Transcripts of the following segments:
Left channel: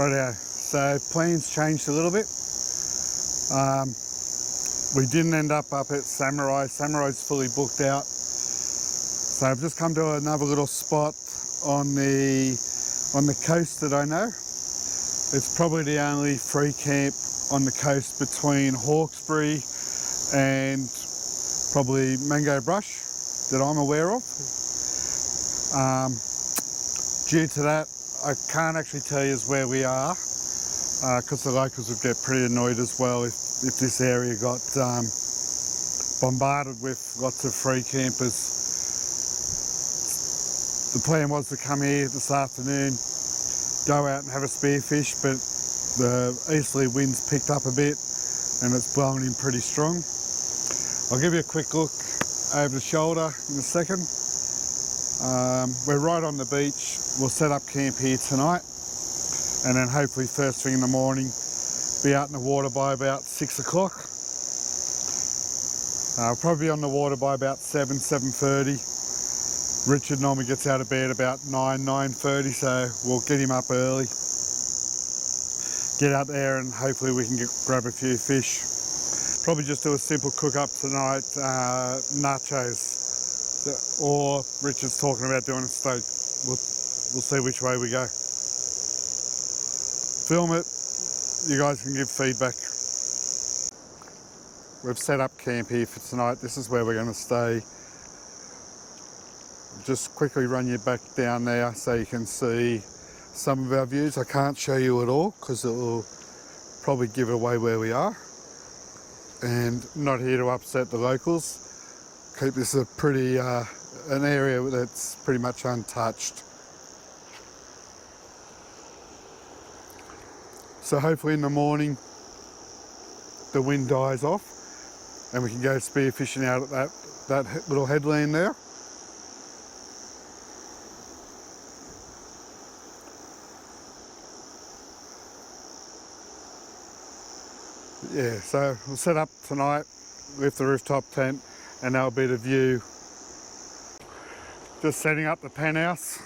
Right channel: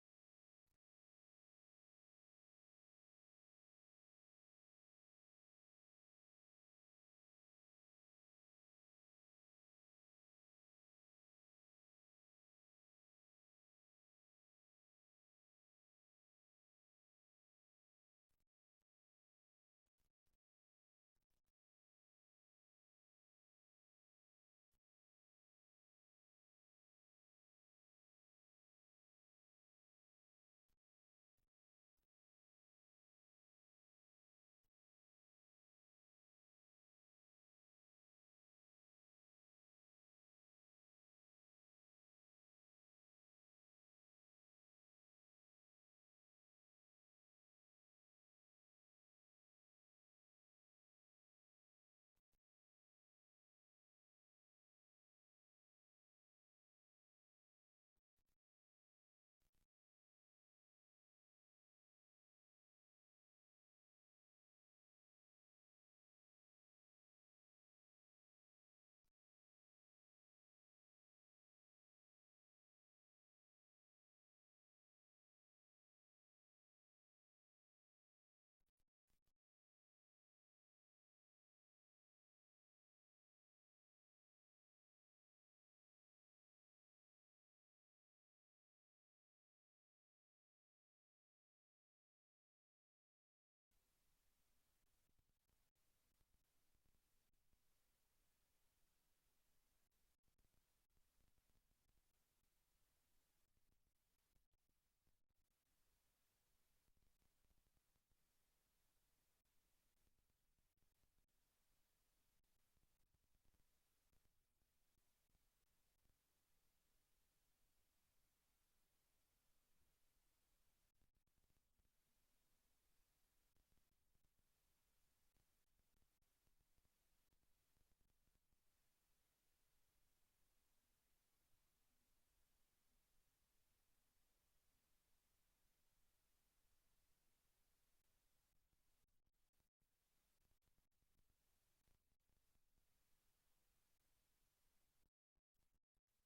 Rightio. So plans changed a little bit. We didn't end up at Samurai. Samurai's fully booked out. So I've just come to another little spot on the coast that I know. It's probably the only free camp on the coast between Hawkesbury and probably Mango Brush that I'm aware of. Due to that, I can't actually tell you where we are because the locals would get pretty annoyed as well if this area got bombarded with lots of free campers. The plan was to come here this afternoon, go out and have a spearfish, but the easterly winds picked up a bit and it's blowing in pretty strong. I'll give you a quick look over the shoulder in a second. We're right on the beach. We'll set up camp here tonight and then hopefully first thing in the morning be out in the water by about 6 o'clock. I'll probably be on the water by about 7:30. Richard normally gets out of bed about 9:30, so we'll get him up early. Get out there and hopefully we can grab a few fish. Probably just do a simple cook up tonight, nachos. Or Richard's talking about doing a steak. We'll see which way we go. Film it, you guys can give feedback. We've set up camp here for tonight. This is where we're going to stay. Just quickly run you back down there so you can see some of our views. I can't show you it all because it will probably give away where we are. And not here to upset the locals. Keep this a pretty, an area that's pretty much untouched. So hopefully in the morning the wind dies off and we can go spearfishing out at that little headland there. Yeah, so we'll set up tonight, lift the rooftop tent, and that'll be the view. Just setting up the penthouse.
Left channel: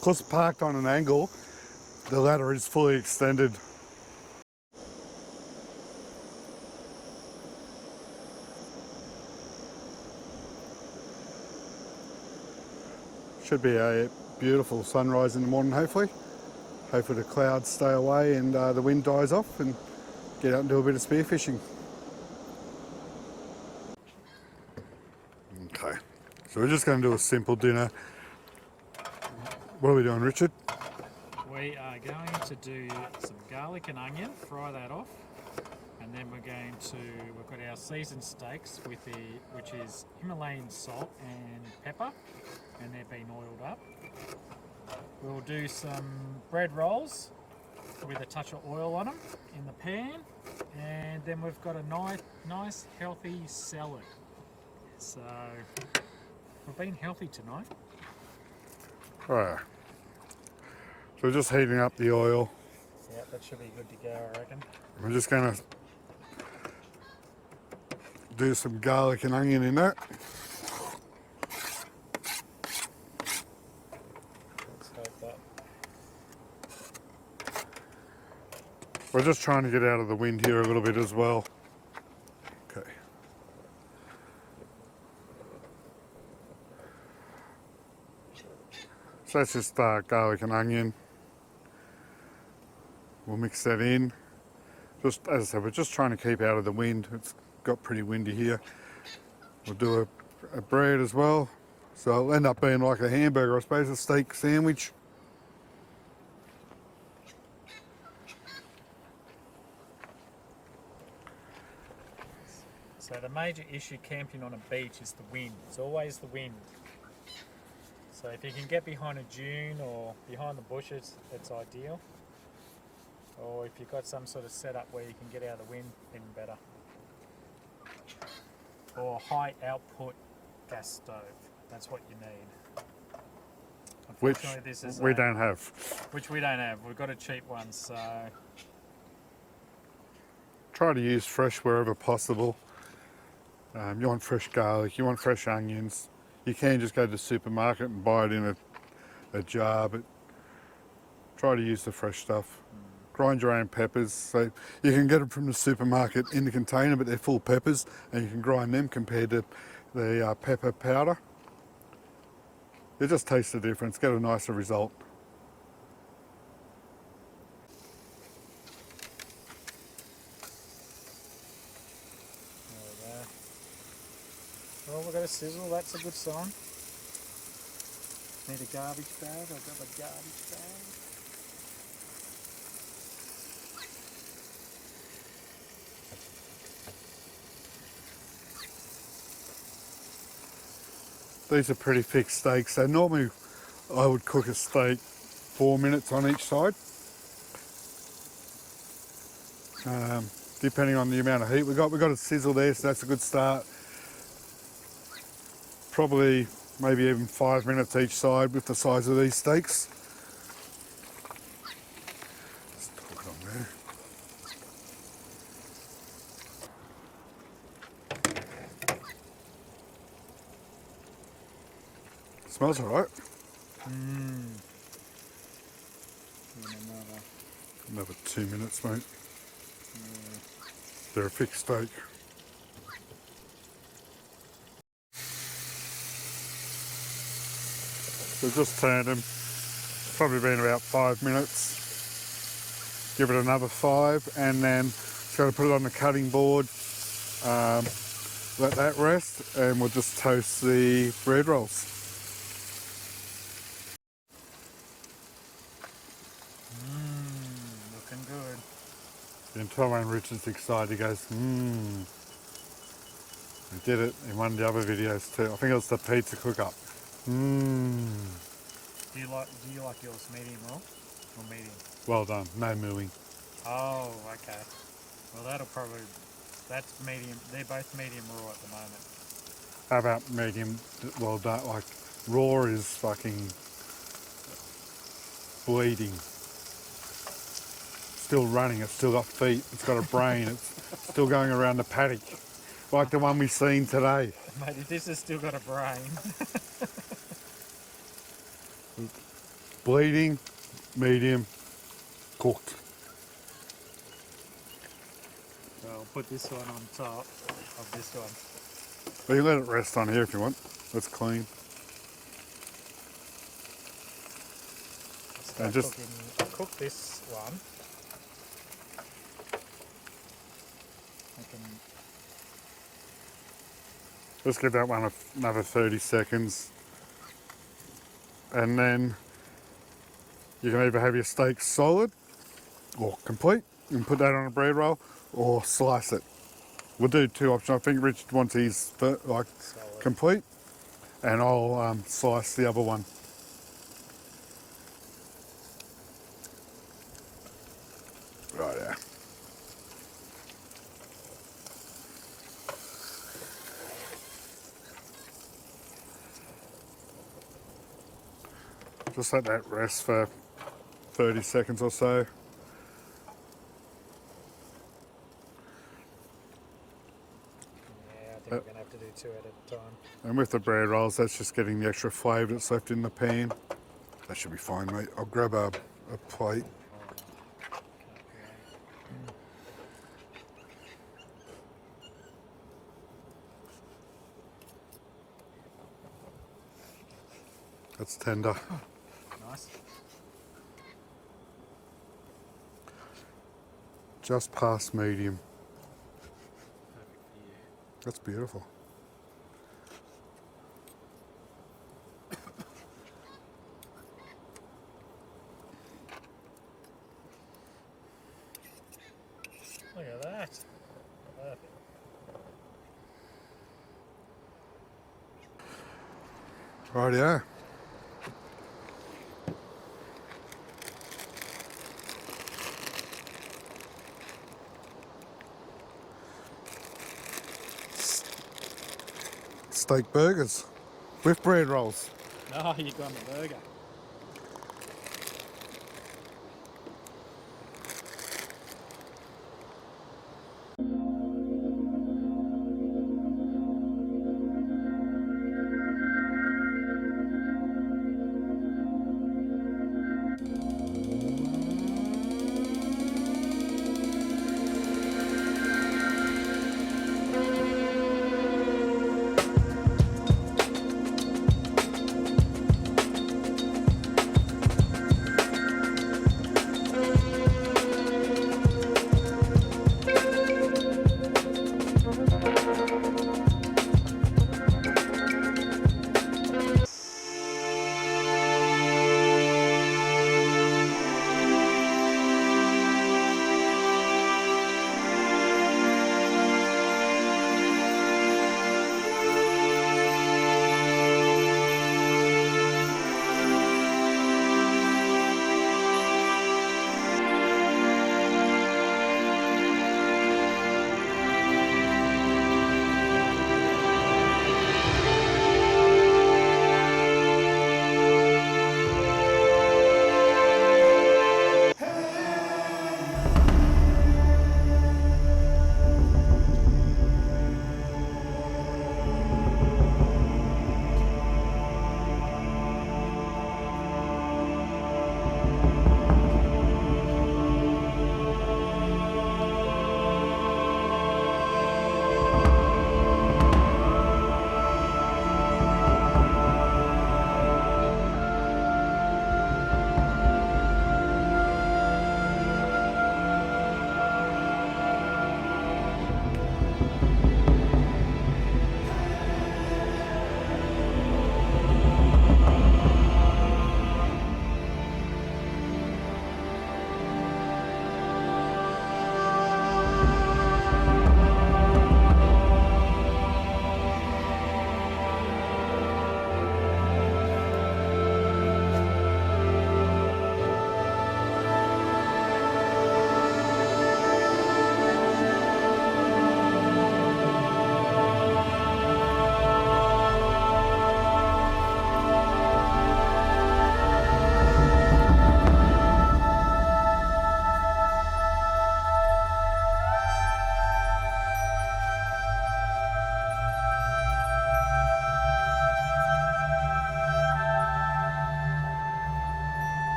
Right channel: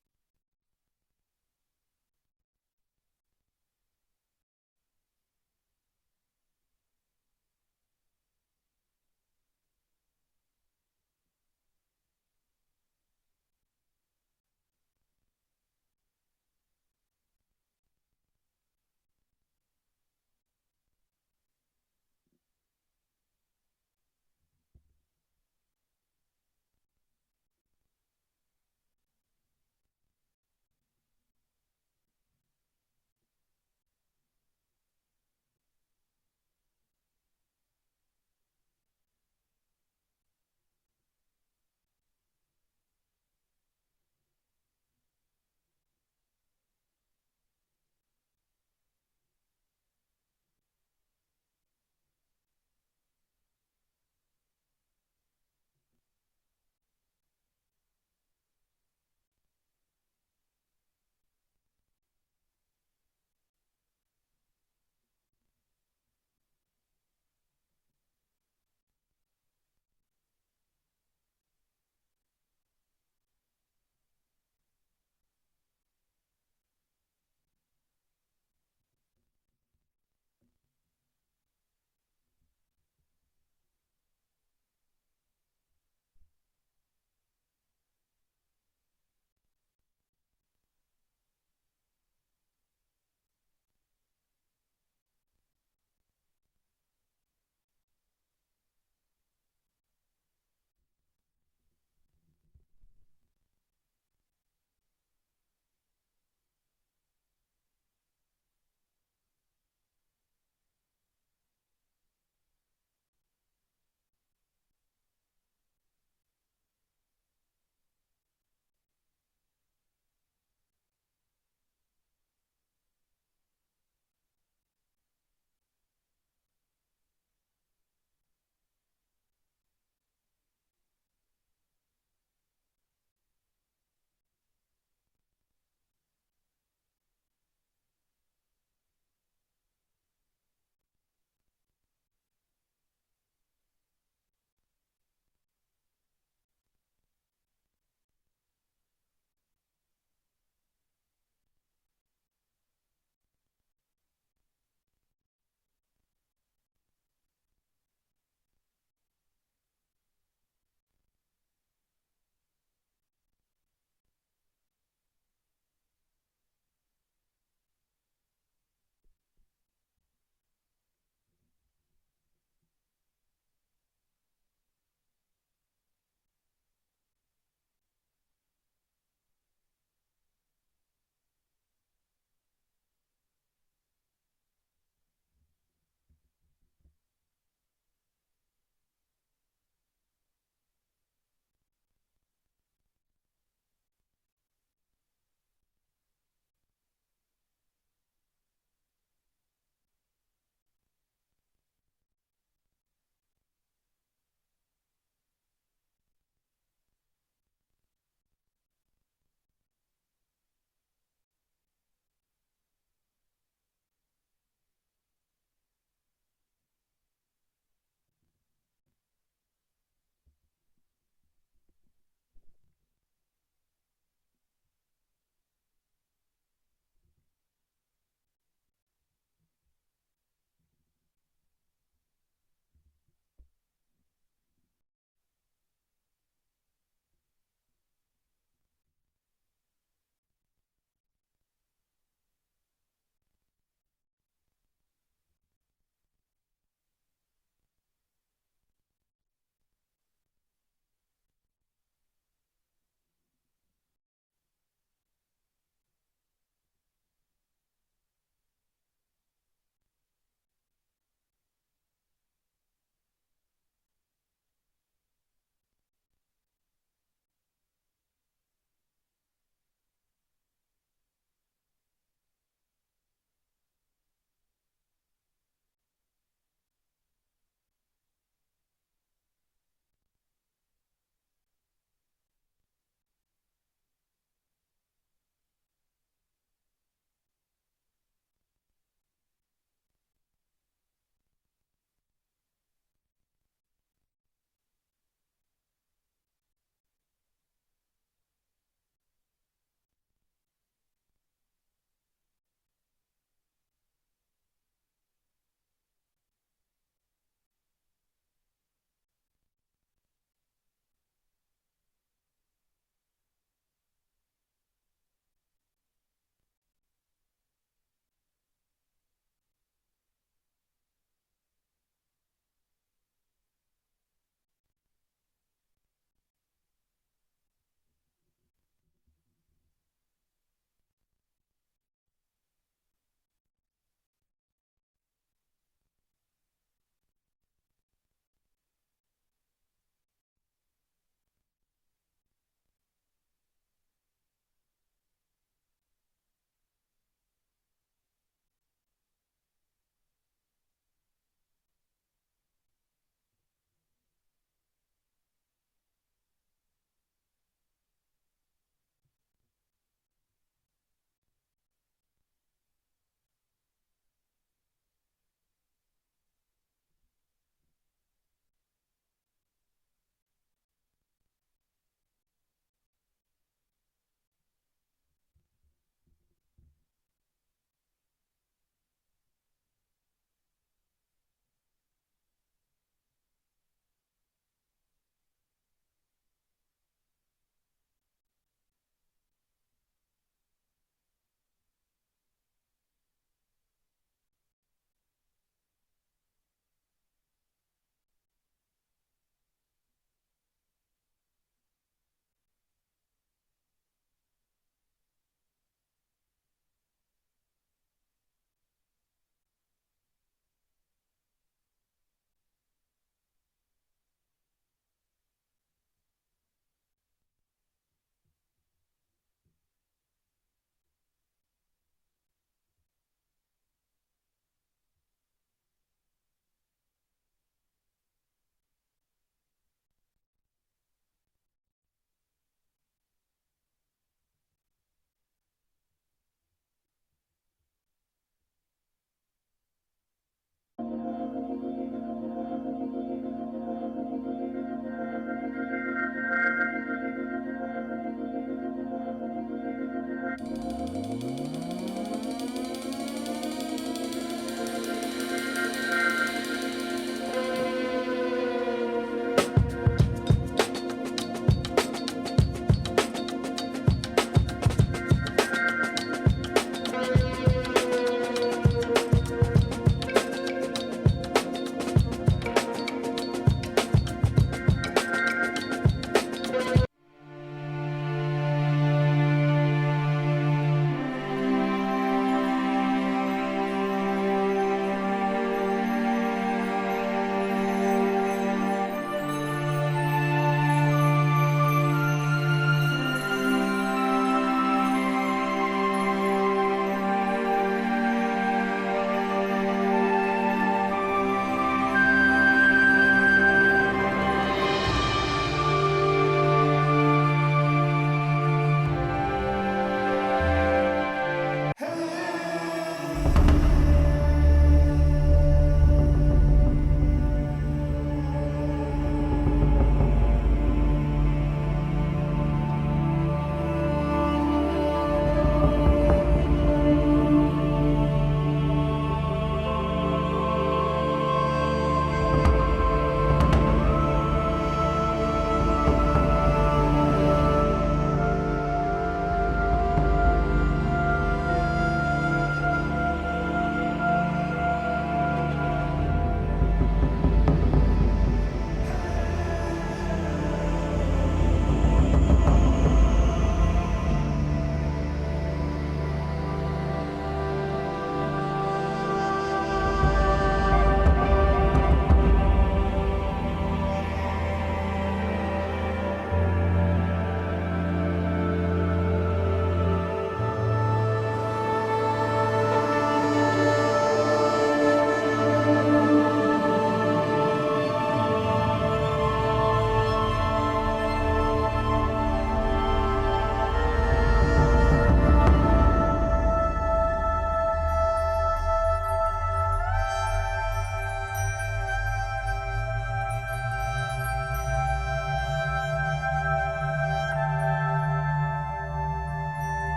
Because parked on an angle, the ladder is fully extended. Should be a beautiful sunrise in the morning, hopefully. Hopefully the clouds stay away and the wind dies off and get out and do a bit of spearfishing. Okay, so we're just going to do a simple dinner. What are we doing, Richard? We are going to do some garlic and onion, fry that off, and then we've got our seasoned steaks which is Himalayan salt and pepper, and they've been oiled up. We'll do some bread rolls with a touch of oil on them in the pan, and then we've got a nice healthy salad. So we've been healthy tonight. Alright, so we're just heating up the oil. Yeah, that should be good to go, I reckon. We're just going to do some garlic and onion in that. Let's hope that. We're just trying to get out of the wind here a little bit as well. Okay. So that's just garlic and onion. We'll mix that in. Just as I said, we're just trying to keep out of the wind. It's got pretty windy here. We'll do a bread as well. So it'll end up being like a hamburger, I suppose, a steak sandwich. So the major issue camping on a beach is the wind. It's always the wind. So if you can get behind a dune or behind the bushes, it's ideal. Or if you've got some sort of setup where you can get out of the wind, even better. Or high output gas stove, that's what you need. Which This is we don't have. Which we don't have, we've got a cheap one, so... Try to use fresh wherever possible. You want fresh garlic, you want fresh onions. You can just go to the supermarket and buy it in a jar, but try to use the fresh stuff. Grind your own peppers. So you can get them from the supermarket in the container, but they're full peppers, and you can grind them compared to the pepper powder. You just taste the difference, get a nicer result. There we go. Well, we've got a sizzle, that's a good sign. Need a garbage bag, I've got a garbage bag. These are pretty thick steaks. So normally I would cook a steak 4 minutes on each side. Depending on the amount of heat we've got a sizzle there, so that's a good start. Probably maybe even 5 minutes each side with the size of these steaks. Just talk it on there. Smells alright. Another 2 minutes, mate. They're a thick steak. So just turned them. Probably been about 5 minutes. Give it another 5, and then just got to put it on the cutting board. Let that rest, and we'll just toast the bread rolls. Looking good. You can tell when Richard's excited, he goes, He did it in one of the other videos too. I think it was the pizza cook-up. Do you like yours medium raw or medium? Well done, no mooing. Oh, okay. Well, that's medium. They're both medium raw at the moment. How about medium well done? Like raw is fucking bleeding. Still running, it's still got feet, it's got a brain, it's still going around the paddock. Like the one we've seen today. Mate, if this has still got a brain. Bleeding, medium, cooked. So I'll put this one on top of this one. Well, you let it rest on here if you want. That's clean. I'll cook this one. Just give that one another 30 seconds. And then you can either have your steak solid or complete. You can put that on a bread roll or slice it. We'll do 2 options. I think Richard wants his like solid. Complete, and I'll slice the other one. Right there. Just let that rest for 30 seconds or so. Yeah, I think we're going to have to do 2 at a time. And with the bread rolls, that's just getting the extra flavour that's left in the pan. That should be fine, mate. I'll grab a plate. That's tender. Nice. Just past medium. Perfect for you. That's beautiful. Look at that. Perfect. Rightio. steak burgers with bread rolls. Oh, you've gone the burger.